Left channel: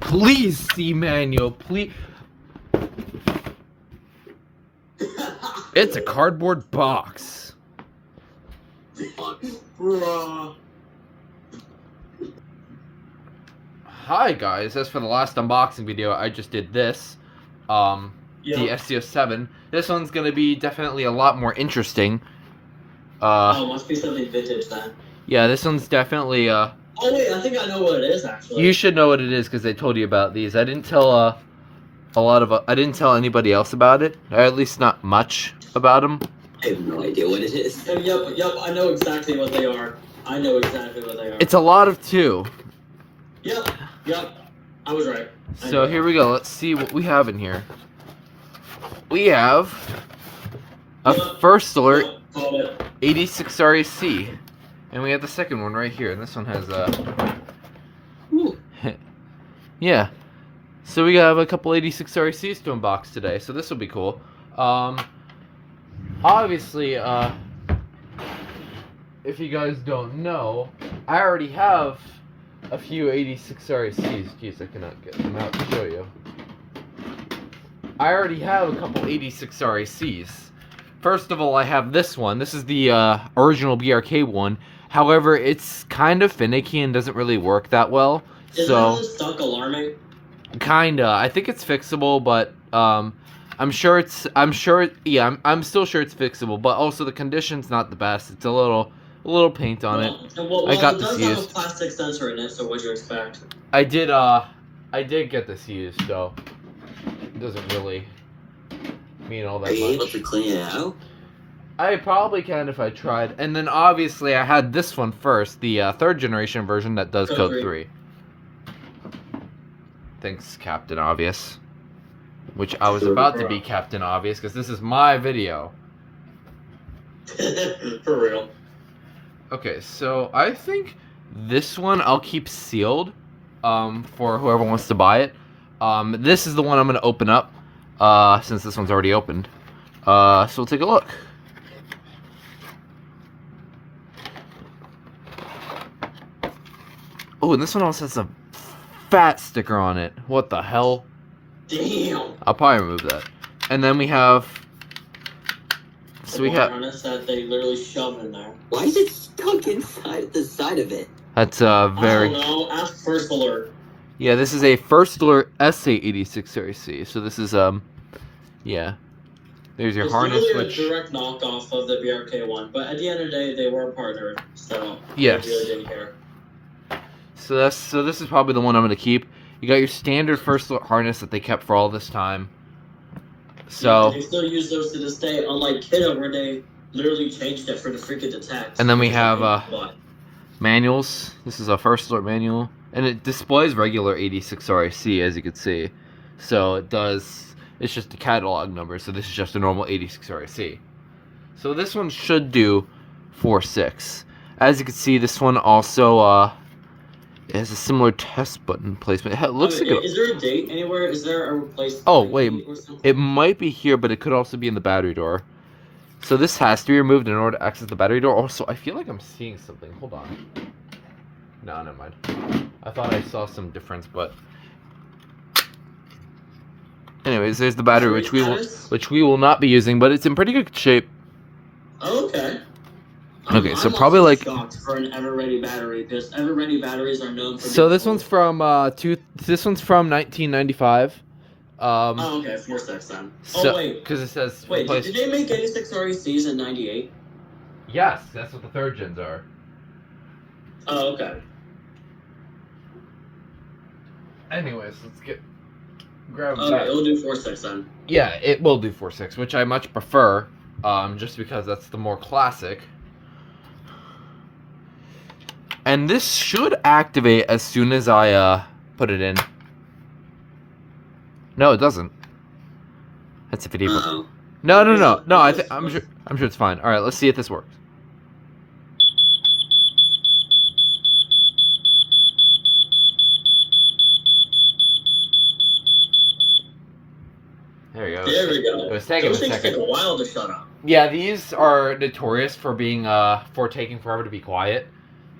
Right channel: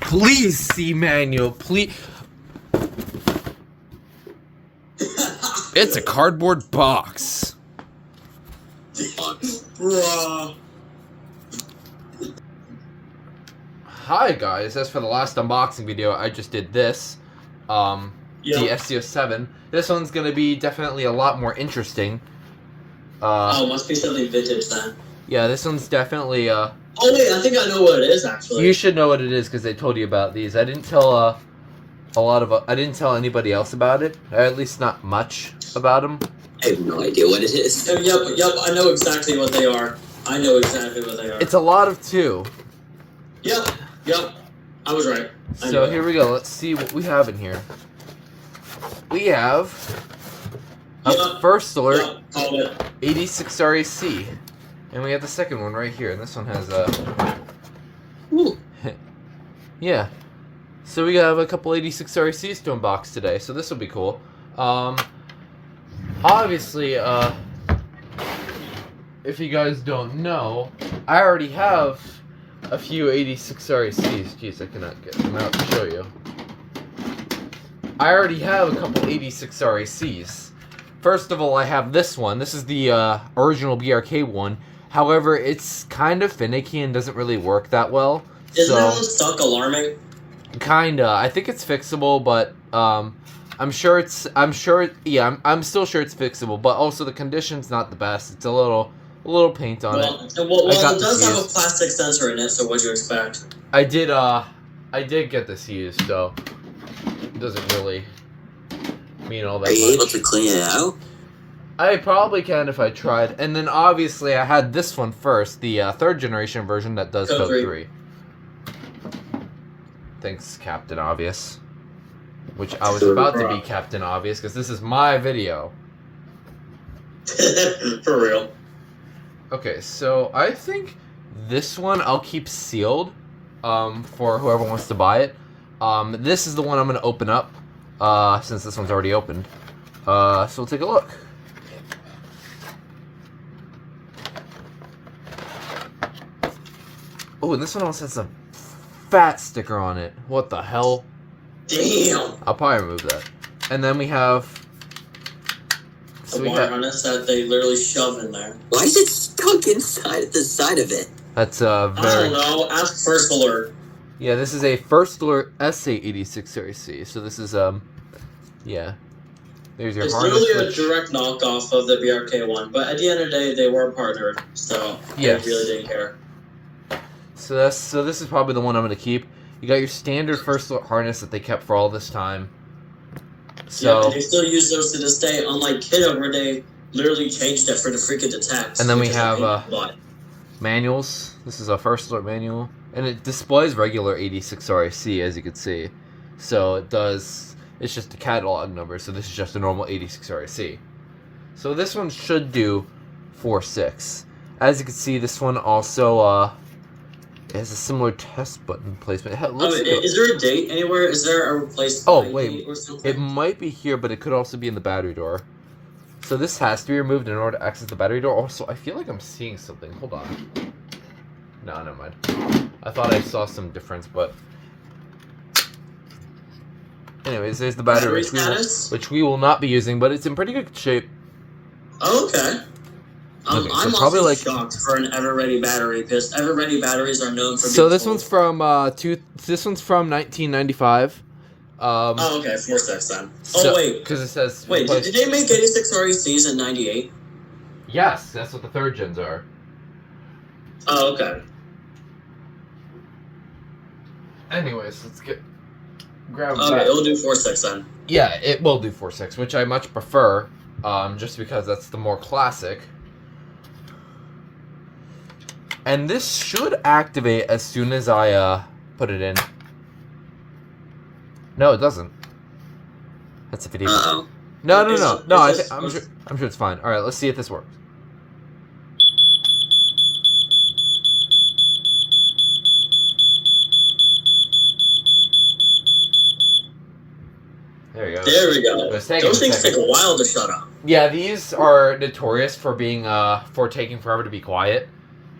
Please see manual, please. It's a cardboard box. Bruh. Hi guys, as for the last unboxing video, I just did this. The SA87. This one's gonna be definitely a lot more interesting. Must be something vintage then. Yeah, this one's definitely Oh wait, I think I know what it is actually. You should know what it is because I told you about these. I didn't tell I didn't tell anybody else about it, or at least not much about them. I have no idea what it is. Yep, I know exactly what they are. It's a lot of two. Yep, I was right. So here we go. Let's see what we have in here. We have a first alert 86RAC, and we have the second one right here. And this one has yeah. So we have a couple 86RACs to unbox today. So this will be cool. Obviously, if you guys don't know, I already have a few 86RACs. Jeez, I cannot get them out to show you. I already have a couple 86RACs. First of all, I have this one. This is the original BRK one. However, it's kind of finicky and doesning really work that well. Isn't that one stuck alarming? Kinda. I think it's fixable, but I'm still sure it's fixable, but also the condition's not the best. It's a little paint on it. Well, it does have a plastic sensor in it, so what'd you expect? I did get this used, so it doesn't really mean all that much. Are you able to clean it out? I probably can if I tried. And then obviously I had this one first, the third generation version that does code 3. Thanks, Captain Obvious. Which I was about to be Captain Obvious, because this is my video. For real. Okay, so I think this one I'll keep sealed for whoever wants to buy it. This is the one I'm going to open up, since this one's already opened. So we'll take a look. Oh, and this one also has a fat sticker on it. What the hell? Damn. I'll probably remove that. And then we have... So we have harness that they literally shove in there. Why is it stuck inside the side of it? That's very... I don't know. Ask First Alert. Yeah, this is a First Alert SA86RAC. So this is, yeah. There's your harness. It's literally a direct knockoff of the BRK one, but at the end of the day, they were partnered, so yes. They really didn't care. So this is probably the one I'm going to keep. You got your standard First Alert harness that they kept for all this time. So yeah, they still use those to this day, unlike Kidda, where they literally changed it for the freaking detect. And then we have manuals. This is a First Alert manual, and it displays regular 86RAC, as you can see. So it does. It's just a catalog number. So this is just a normal 86RAC. So this one should do 4.6. As you can see, this one also it has a similar test button placement. It looks is there a date anywhere? Is there a replacement? Oh wait, it might be here, but it could also be in the battery door. So this has to be removed in order to access the battery door. Also, I feel like I'm seeing something. Hold on. No, never mind. I thought I saw some difference, but anyways, there's the battery, which we will not be using, but it's in pretty good shape. Oh, okay. Okay, so probably like shocked for an ever-ready battery, because ever-ready batteries are known for. So this one's from 1995. Oh, okay, 4.6 then. So, oh wait, because it says. Wait, did they make 86RACs in '98? Yes, that's what the third gens are. Oh, okay. Anyways, let's grab. Okay, it'll do 4.6 then. Yeah, it will do 4.6, which I much prefer, just because that's the more classic. And this should activate as soon as I put it in. No, it doesn't. That's if it even. No. I'm sure it's fine. All right, let's see if this works. There you go. There we go. Those things take a while to shut up. Yeah, these are notorious for being for taking forever to be quiet.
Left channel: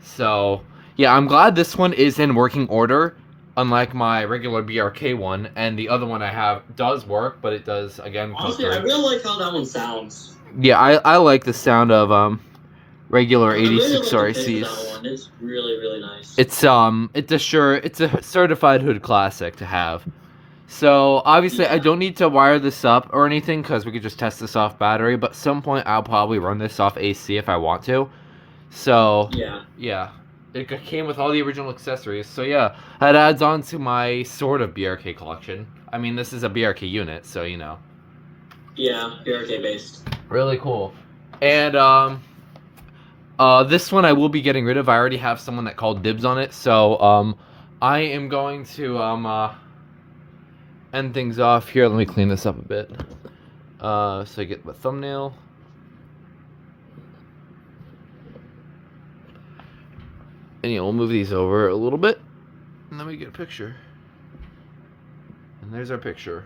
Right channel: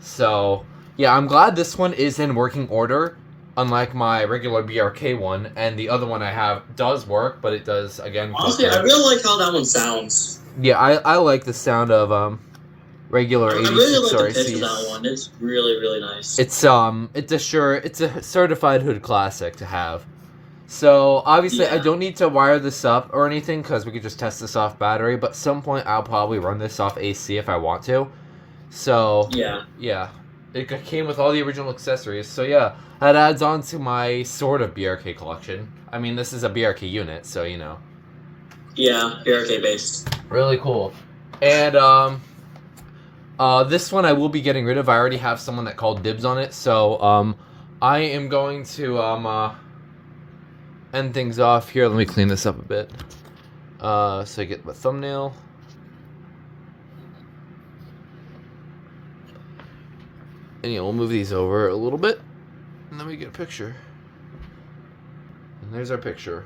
So yeah, I'm glad this one is in working order. unlike my regular BRK one, and the other one I have does work, but it does again. Honestly, I really like how that one sounds. Yeah, I like the sound of regular I really like the 86 pitch of that RACs. one. It's really, really nice. It's a certified hood classic to have. So obviously I Yeah. don't need to wire this up or anything because we could just test this off battery. But some point I'll probably run this off AC if I want to. So Yeah. it came with all the original accessories. So yeah, that adds on to my sort of BRK collection. I mean, this is a BRK unit, so you know. Yeah, BRK based. Really cool. And this one I will be getting rid of. I already have someone that called dibs on it, so I am going to end things off here. Let me clean this up a bit. So I get my thumbnail. And we'll move these over a little bit, and then we get a picture. And there's our picture.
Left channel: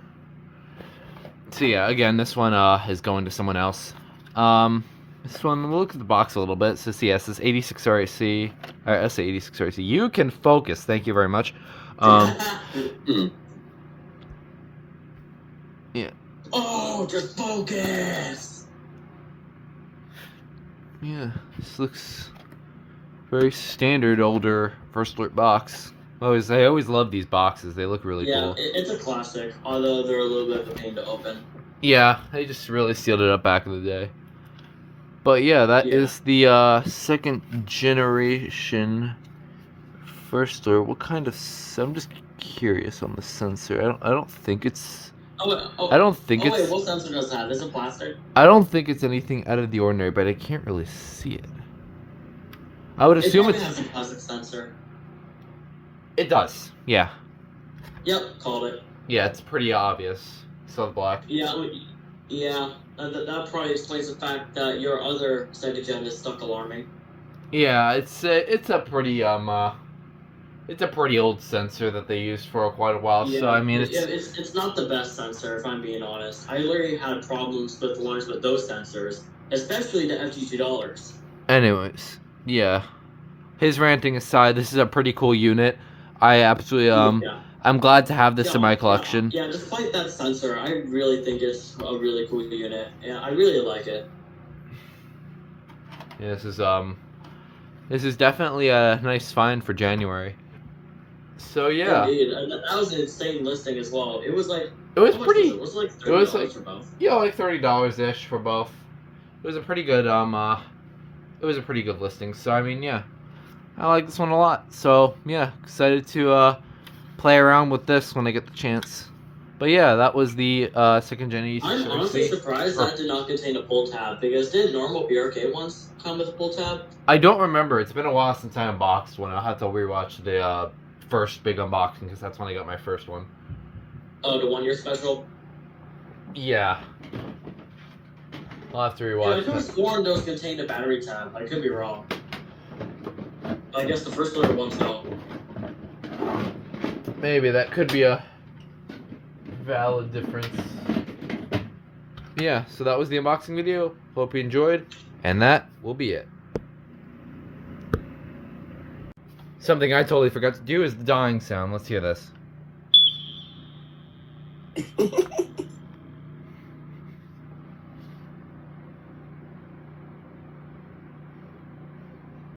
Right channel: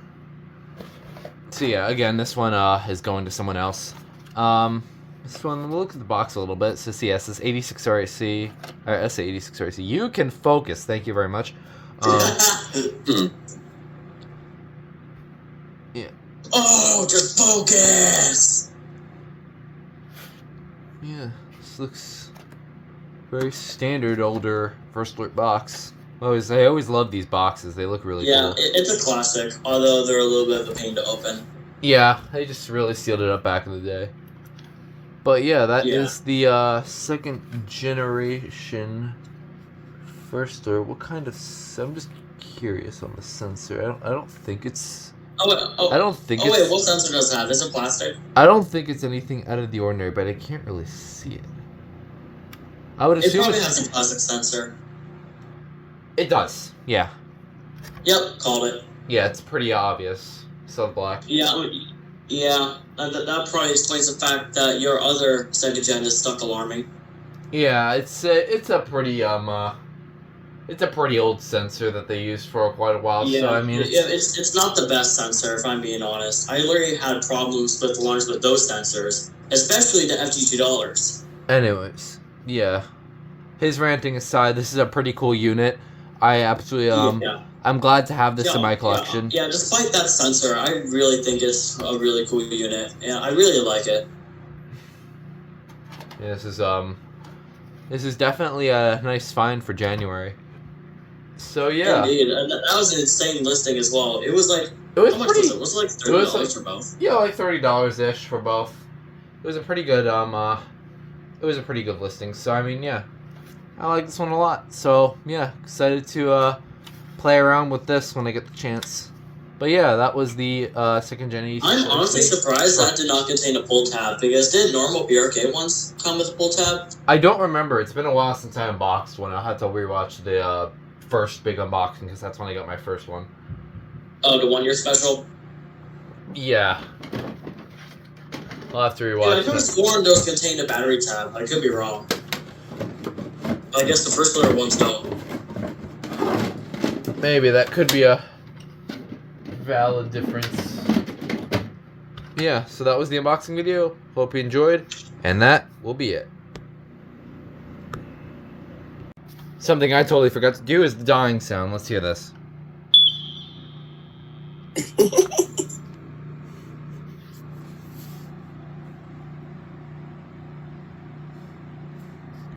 So yeah, again, this one is going to someone else. This one, we'll look at the box a little bit. So see, yes, this 86RAC, or SA86RAC. You can focus. Thank you very much. Yeah. Oh, just focus! Yeah, this looks very standard older First Alert box. I always love these boxes. They look really cool. It's a classic, although they're a little bit of a pain to open. Yeah, they just really sealed it up back in the day. But yeah, that is the second generation First Alert. What kind of? I'm just curious on the sensor. I don't think it's. I don't think it's. Wait, what sensor does it have? Is it plastic? I don't think it's anything out of the ordinary, but I can't really see it. I would assume it probably has a plastic sensor. It does. Yeah. Yep, called it. Yeah, it's pretty obvious. So black. Yeah. That probably explains the fact that your other second gen is stuck alarming. Yeah, it's a pretty old sensor that they used for quite a while. Yeah, so I mean, it's not the best sensor if I'm being honest. I literally had problems with alarms with those sensors, especially the FG$2. Anyways, yeah. His ranting aside, this is a pretty cool unit. I absolutely I'm glad to have this in my collection. Yeah, despite that sensor, I really think it's a really cool unit. Yeah, I really like it. Yeah, this is definitely a nice find for January. So yeah, indeed, that was an insane listing as well. It was like it was how much pretty. Was it? Was it like $30 for both? Yeah, like $30 ish for both. It was a pretty good it was a pretty good listing. So I mean, yeah, I like this one a lot. So yeah, excited to play around with this when I get the chance. But yeah, that was the second gen. I'm honestly surprised that did not contain a pull tab, because did normal BRK ones come with a pull tab? I don't remember. It's been a while since I unboxed one. I'll have to rewatch the first big unboxing because that's when I got my first one. Oh, the 1 year special? Yeah. I'll have to rewatch. Yeah, I could have sworn those contained a battery tab. I could be wrong. I guess the first little ones don't. Maybe that could be a valid difference. Yeah, so that was the unboxing video. Hope you enjoyed, and that will be it. Something I totally forgot to do is the dying sound. Let's hear this.